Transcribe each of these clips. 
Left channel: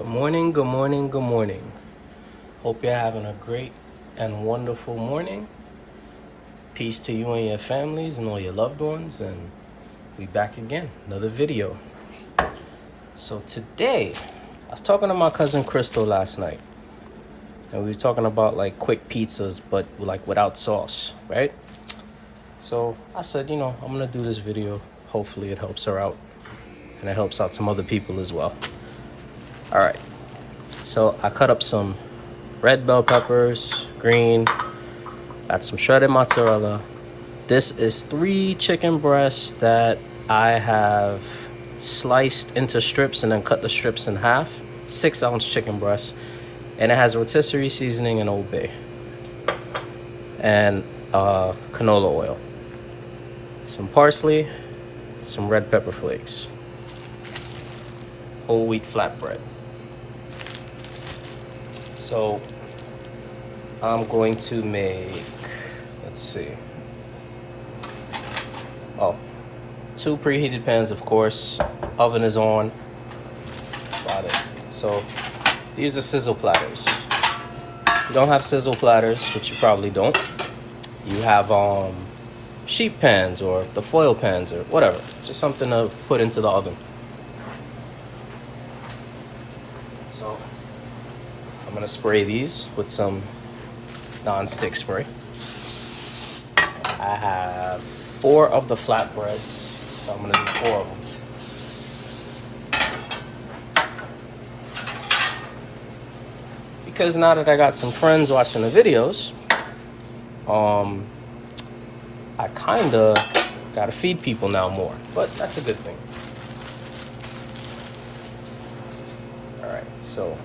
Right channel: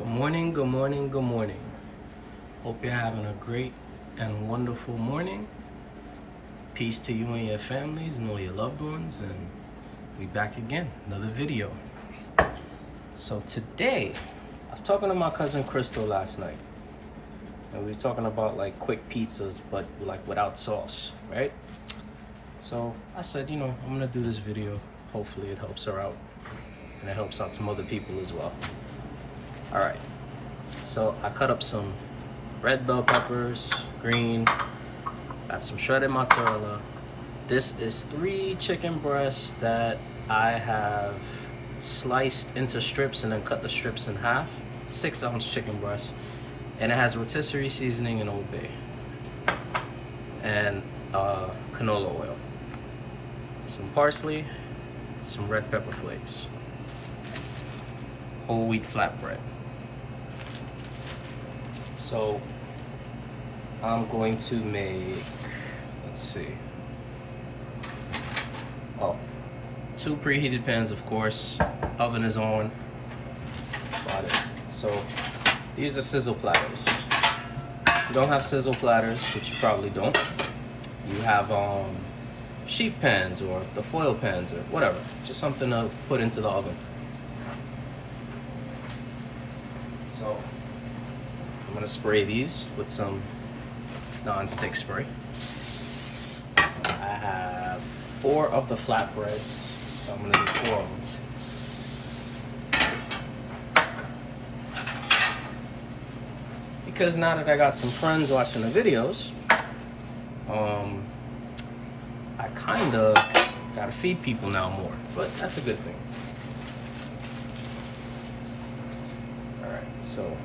Good morning, good morning, good morning. Hope you're having a great and wonderful morning. Peace to you and your families and all your loved ones, and we back again, another video. So today, I was talking to my cousin Crystal last night, and we were talking about like quick pizzas, but like without sauce, right? So I said, I'm gonna do this video. Hopefully it helps her out, and it helps out some other people as well. All right, so I cut up some red bell peppers, green, got some shredded mozzarella. This is 3 chicken breasts that I have sliced into strips and then cut the strips in half. 6-ounce chicken breast, and it has rotisserie seasoning and Old Bay and canola oil, some parsley, some red pepper flakes, whole wheat flatbread. So I'm going to make, let's see, 2 preheated pans, of course. Oven is on. Got it. So these are sizzle platters. If you don't have sizzle platters, which you probably don't, you have sheet pans or the foil pans or whatever. Just something to put into the oven. So I'm gonna spray these with some non-stick spray. I have 4 of the flatbreads, so I'm gonna do 4 of them. Because now that I got some friends watching the videos, I kinda gotta feed people now more, but that's a good thing. All right, so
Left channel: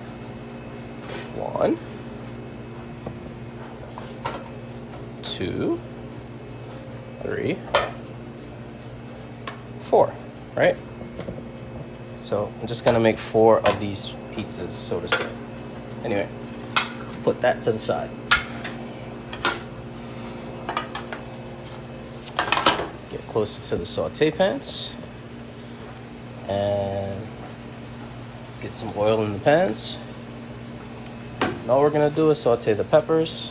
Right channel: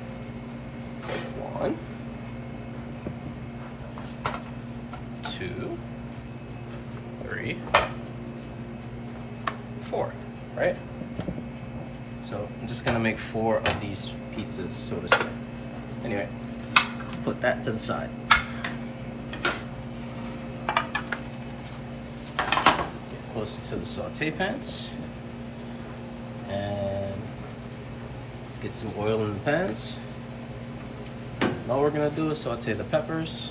1, 2, 3, 4, right? So I'm just gonna make 4 of these pizzas, so to say. Anyway, put that to the side. Get closer to the saute pans. And let's get some oil in the pans. And all we're gonna do is saute the peppers.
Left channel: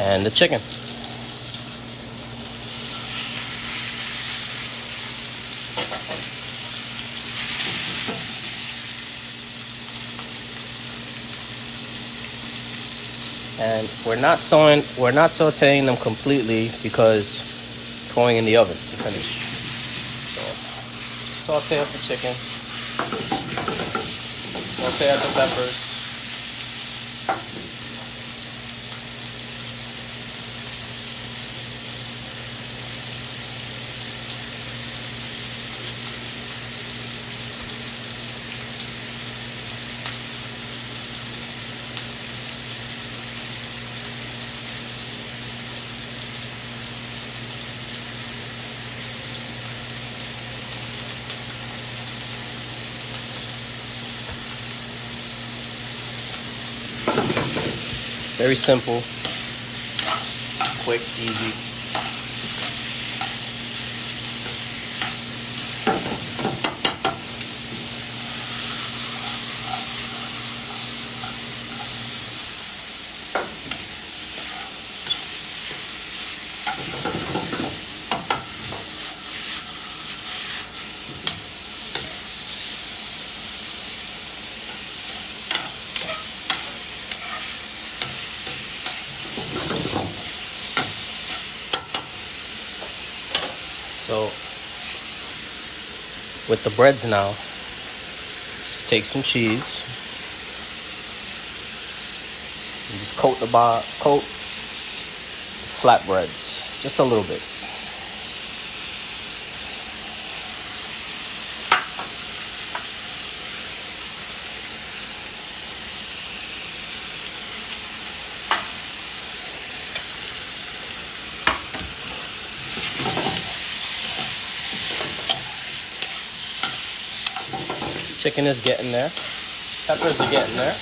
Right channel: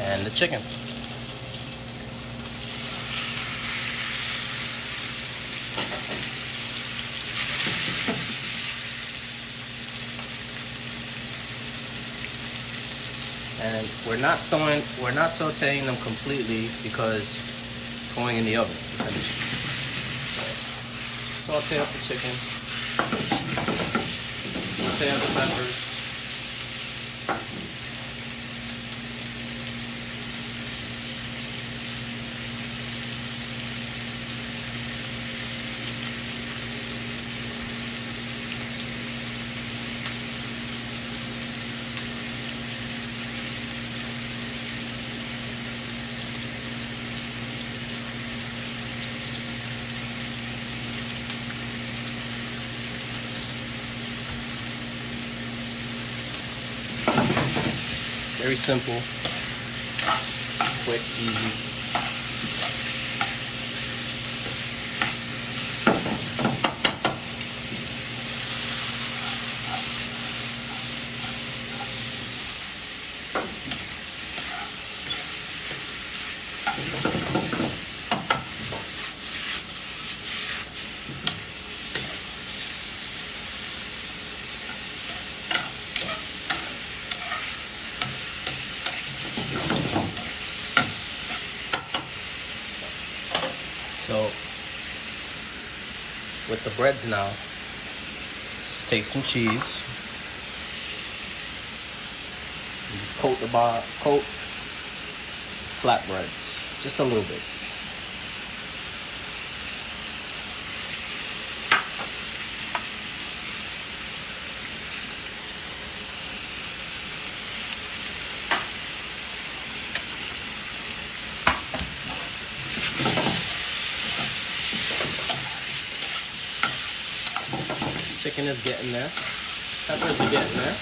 And the chicken. And we're not sauteing them completely because it's going in the oven to finish. So, saute up the chicken. Saute up the peppers. Very simple, quick, easy. So with the breads now, just take some cheese and just coat flatbreads just a little bit. Chicken is getting there. Peppers are getting there.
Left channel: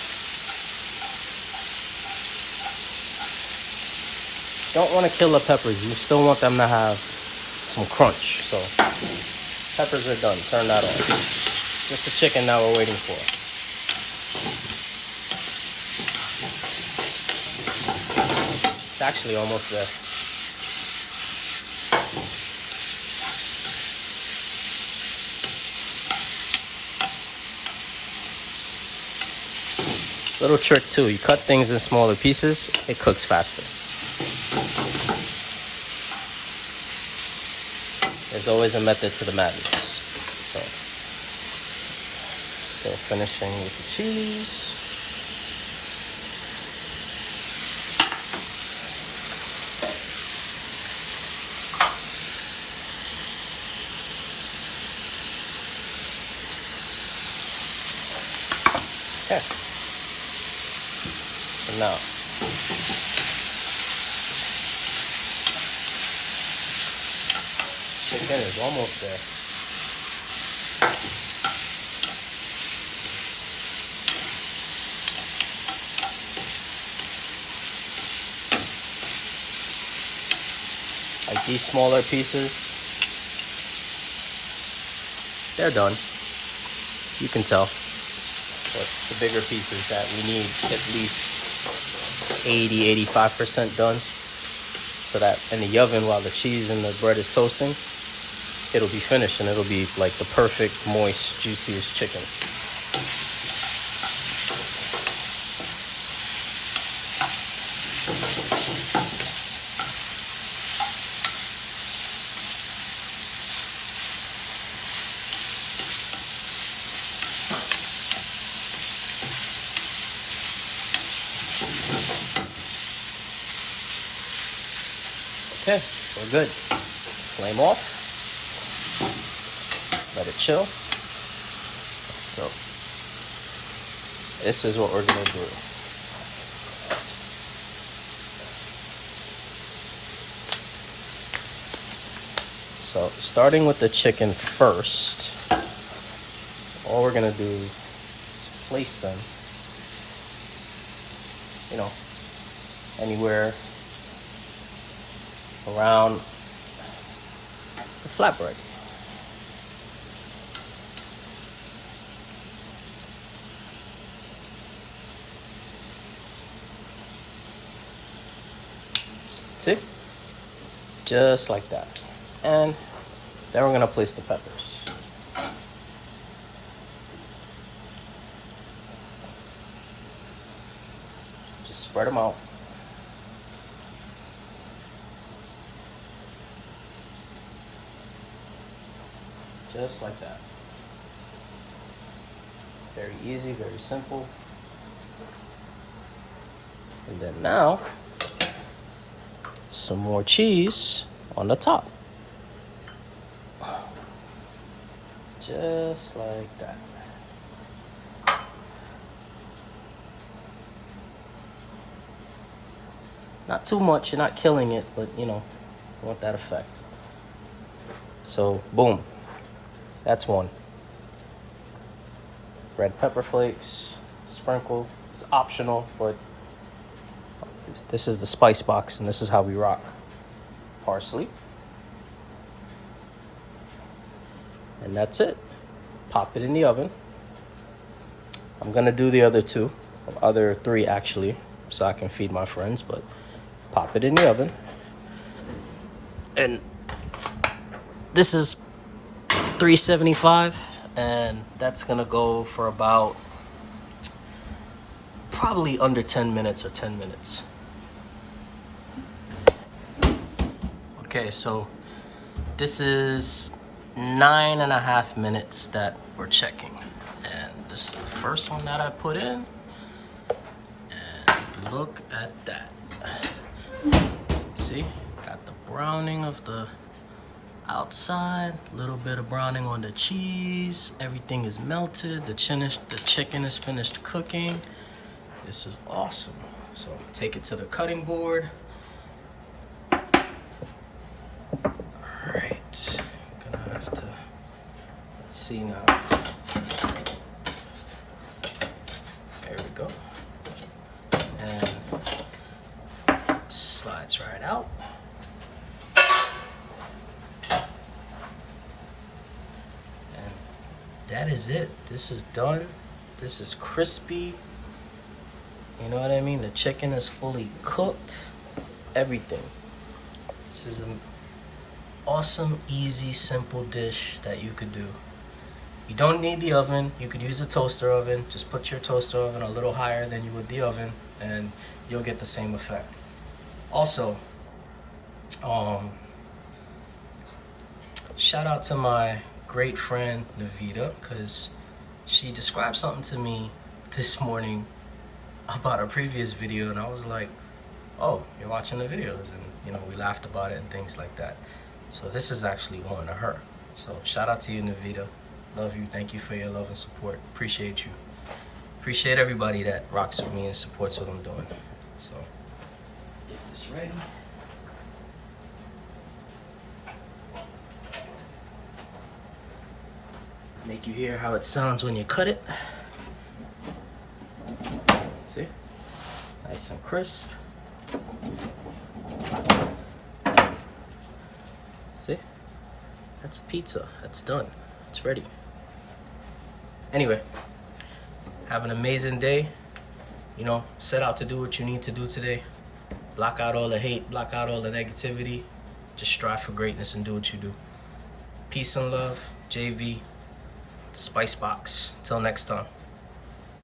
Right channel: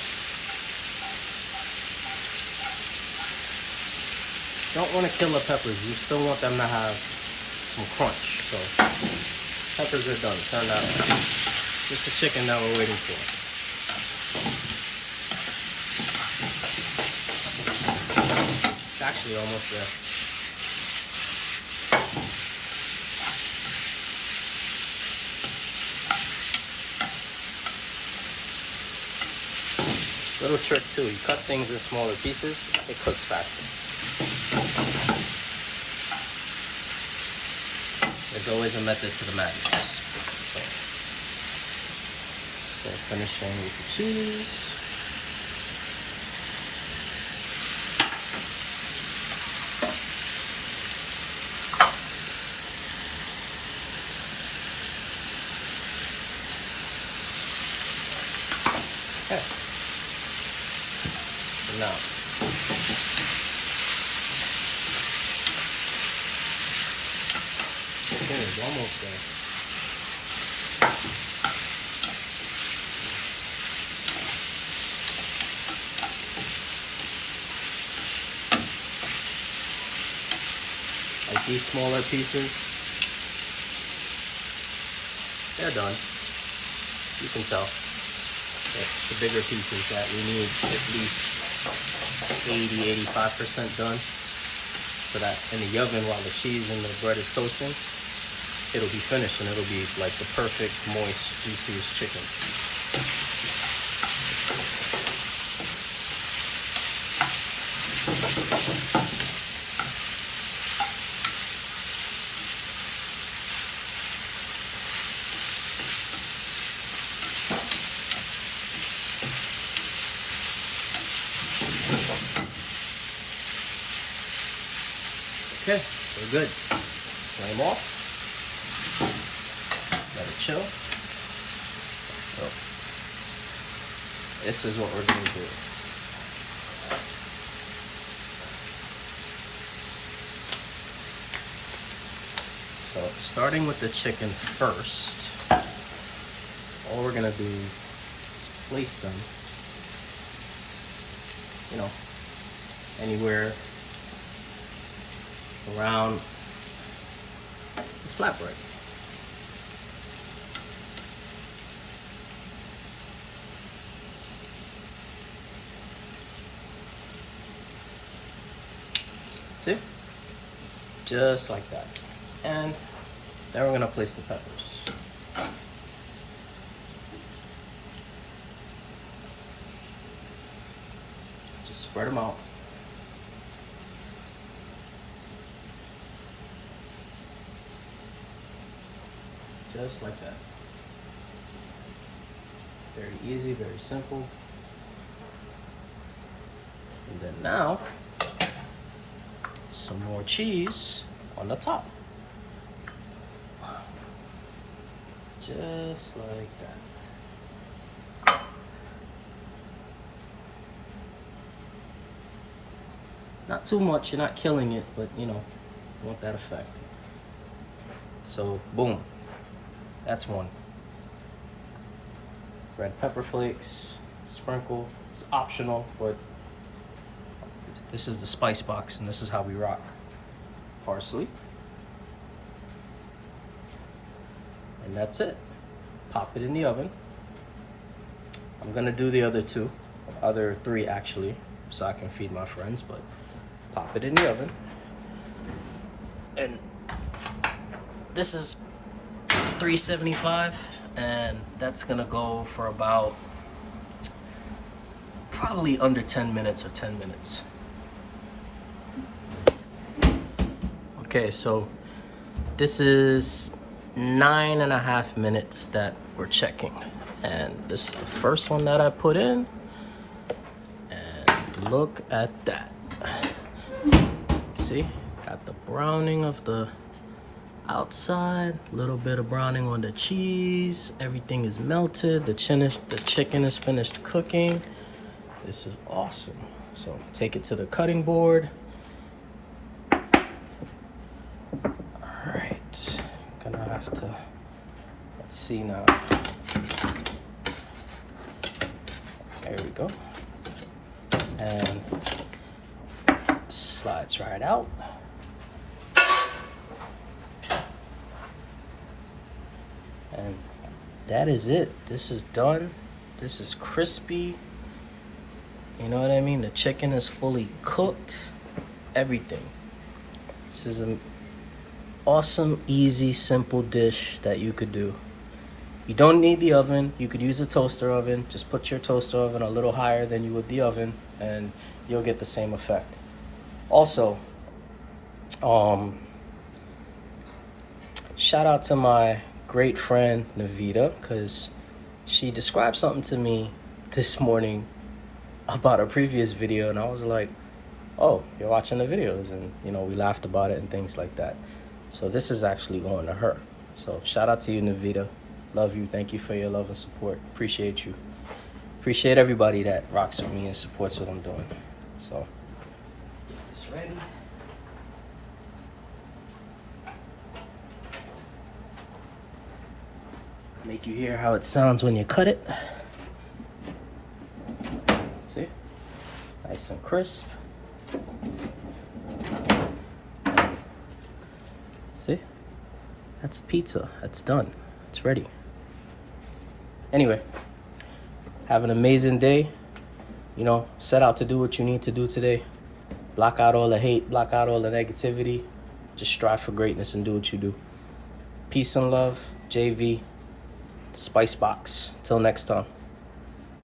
don't want to kill the peppers. You still want them to have some crunch. So peppers are done. Turn that off. Just the chicken that we're waiting for. It's actually almost there. Little trick too, you cut things in smaller pieces, it cooks faster. There's always a method to the madness. Okay. So finishing with the cheese. Okay. Now, chicken is almost there. Like these smaller pieces, they're done. You can tell. But the bigger pieces that we need at least 80-85% done, so that in the oven while the cheese and the bread is toasting, it'll be finished and it'll be like the perfect moist juiciest chicken. Okay, we're good. Flame off. Let it chill. So, this is what we're going to do. So, starting with the chicken first, all we're going to do is place them, anywhere around the flatbread. See? Just like that. And then we're gonna place the peppers. Just spread them out. Just like that. Very easy, very simple. And then now, some more cheese on the top. Just like that. Not too much, you're not killing it, but you want that effect. So, boom. That's one. Red pepper flakes, sprinkle. It's optional, but this is the spice box, and this is how we rock. Parsley. And that's it. Pop it in the oven. I'm gonna do the other three actually, so I can feed my friends, but pop it in the oven. And this is 375, and that's gonna go for about probably under 10 minutes or 10 minutes. Okay, so this is 9.5 minutes that we're checking, and this is the first one that I put in, and look at that. See, got the browning of the outside, little bit of browning on the cheese, everything is melted, the chicken is finished cooking. This is awesome. So take it to the cutting board. Alright, I'm gonna have to, let's see now. There we go. And slide That's right out. And that is it. This is done. This is crispy. You know what I mean? The chicken is fully cooked. Everything. This is an awesome, easy, simple dish that you could do. You don't need the oven. You could use a toaster oven. Just put your toaster oven a little higher than you would the oven and you'll get the same effect. Also, shout out to my great friend Navita, because she described something to me this morning about a previous video, and I was like, oh, you're watching the videos, and you know, we laughed about it and things like that. So this is actually going to her. So shout out to you, Navita. Love you. Thank you for your love and support. Appreciate you. Appreciate everybody that rocks with me and supports what I'm doing. So get this ready. Make you hear how it sounds when you cut it. See? Nice and crisp. See? That's pizza. That's done. It's ready. Anyway, have an amazing day. You know, set out to do what you need to do today. Block out all the hate, block out all the negativity. Just strive for greatness and do what you do. Peace and love. JV, the Spice Box. Till next time.